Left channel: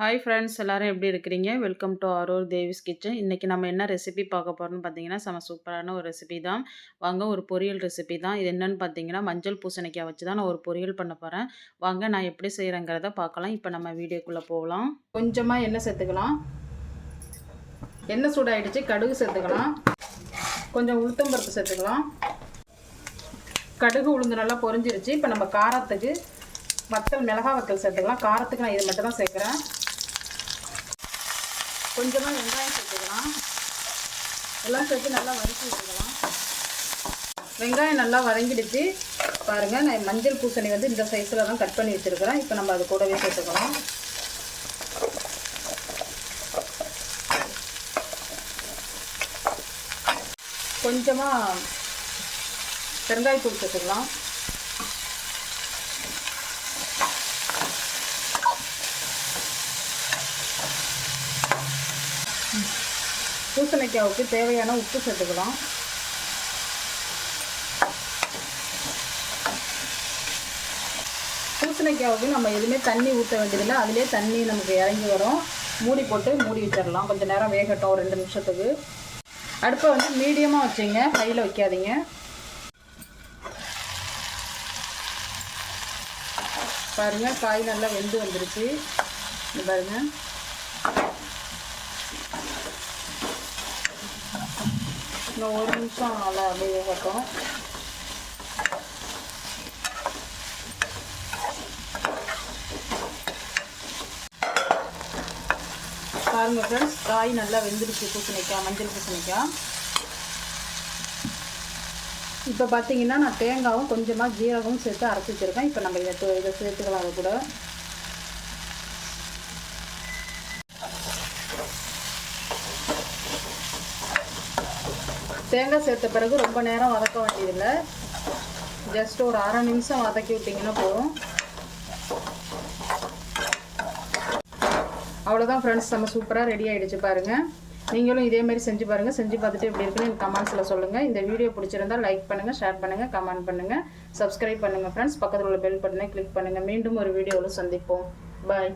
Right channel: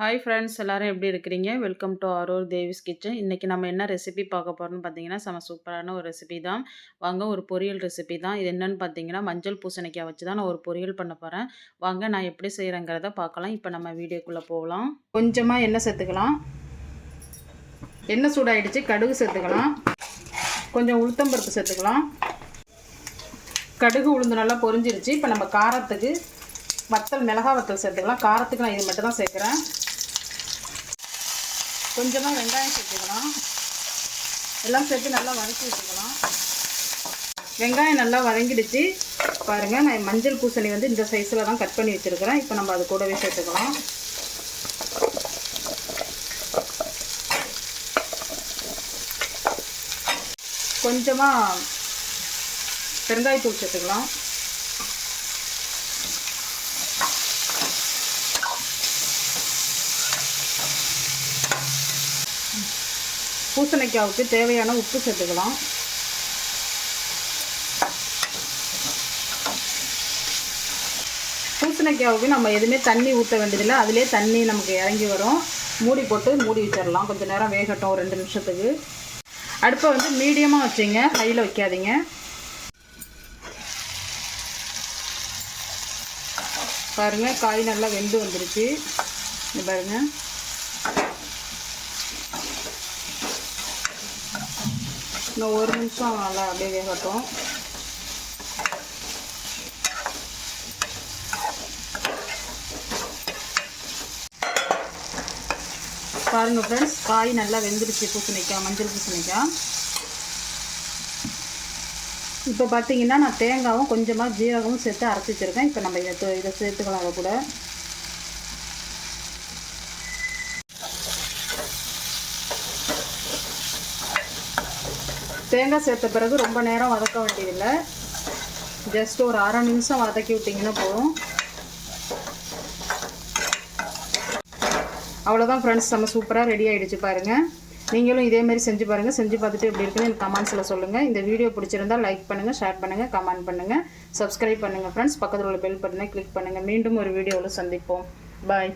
Hi friends எல்லோரும் எப்படி இருக்கிறீங்க? Welcome to Arur Devi's kitchen இன்றைக்கி நம்ம என்ன ரெசிபி பார்க்க போகிறோம்னு பார்த்தீங்கன்னா செம சூப்பரான ஒரு ரெசிபி தான். வாங்க ஒரு பொரியல் ரெசிபி தான். இது என்னென்னு பார்த்தீங்கன்னா மஞ்சள் பூசணிக்காய் வச்சு தான் நான் ஒரு பொரியல் பண்ண போகிறேன் வாங்க நான் எப்படி செய்கிறேங்கிறத பார்க்கலாம். இப்போ நம்ம வீடியோக்குள்ளே போகலாம். கொஞ்சமாக எண்ணெய் சேர்த்துக்கலாம். எண்ணெய் சூடாயிடுச்சு கடுகு சேர்த்துக்கலாம். கொஞ்சம் உளுத்தம்பருப்பு சேர்த்துக்கலாம். கடுகு உளுந்து நல்லா பொரிஞ்சிருச்சு. இப்போ நம்ம காரத்துக்கு வத்தல் மிளகா வத்தல் சேர்த்துக்கலாம். காரத்துக்கு நான் இது மட்டும் தான் சேர்க்குறேன். கொஞ்சமாக வெங்காயம் சேர்த்துக்கலாம். எல்லாம் சேர்த்து நல்லா வதக்கி வச்சுக்கலாம். வெங்காயம் நல்லா வதங்கிடுச்சு. பாருங்கள் நான் மஞ்சள் பூசணி வந்து இந்த சைஸில் தான் கட் பண்ணி வச்சுருக்கிறேன். இப்போ நம்ம அது கூடவே சேர்த்துக்கலாம். கொஞ்சமாக பெருங்காயத்தூள் சேர்த்துக்கலாம். பூசணிக்காவுக்கு தேவையான உப்பு சேர்த்துக்கலாம். பூசணிக்காவுக்கு நம்ம எதுவுமே தண்ணி ஊற்ற வேண்டியதில்லை. அதிலே தண்ணி நமக்கு இறங்கி வரும். மூடி போட்டு மூடி வச்சிடலாம். கொஞ்சம் நேரம் வேகட்டும் ஒரு ரெண்டு நிமிஷத்துக்கு. அடுப்பை வந்து மீடியமாக வச்சுங்க. ஹையில் வைக்காதீங்க. பாருங்கள் காய் நல்லா வெந்து வந்துருச்சு. பாருங்கள் இன்னும் ஒரு நிமிஷம் நல்லா அப்படியே வேகட்டும். பாருங்கள் ஃப்ரெண்ட்ஸ் காய் நல்லா வெந்துருச்சு பூசணிக்காய் மஞ்சள் பூசணிக்காய் இப்போ பார்த்தீங்கன்னா நான் தேங்காவும் கொஞ்சமாக ஜீரகமும் சேர்த்து அரைச்சி வச்சுருக்கேன். இப்போ நம்ம இதை இதை சேர்த்துக்கலாம் அதை கூட. தேங்காய் சேர்த்த பிறகு ரொம்ப நேரம் வதக்க வேண்டியதில்லை. ஜஸ்ட் ஒரு அரை நிமிஷம் வதக்கி விட்டிங்கன்னா போதும். அவ்வளோதான் ஃப்ரெண்ட்ஸ் நம்ம சூப்பராக ரெடி ஆகிடுச்சு பாருங்கள் நீங்களும் இதேமாரி செஞ்சு பாருங்கள் செஞ்சு பார்த்துட்டு எப்படி இருக்குன்னு எனக்கு கமெண்ட்ஸில் சொல்லுங்கள் இந்த வீடியோ பிடிச்சிருந்தால் லைக் பண்ணுங்கள் ஷேர் பண்ணுங்கள் கமெண்ட் பண்ணுங்கள் சப்ஸ்கிரைப் பண்ணுங்கள் ஃப்ரெண்ட்ஸ் பக்கத்தில் உள்ள பெல் பட்டனை கிளிக் பண்ணுங்கள் மீண்டும் ஒரு வீடியோவில் சந்திப்போம். பாய்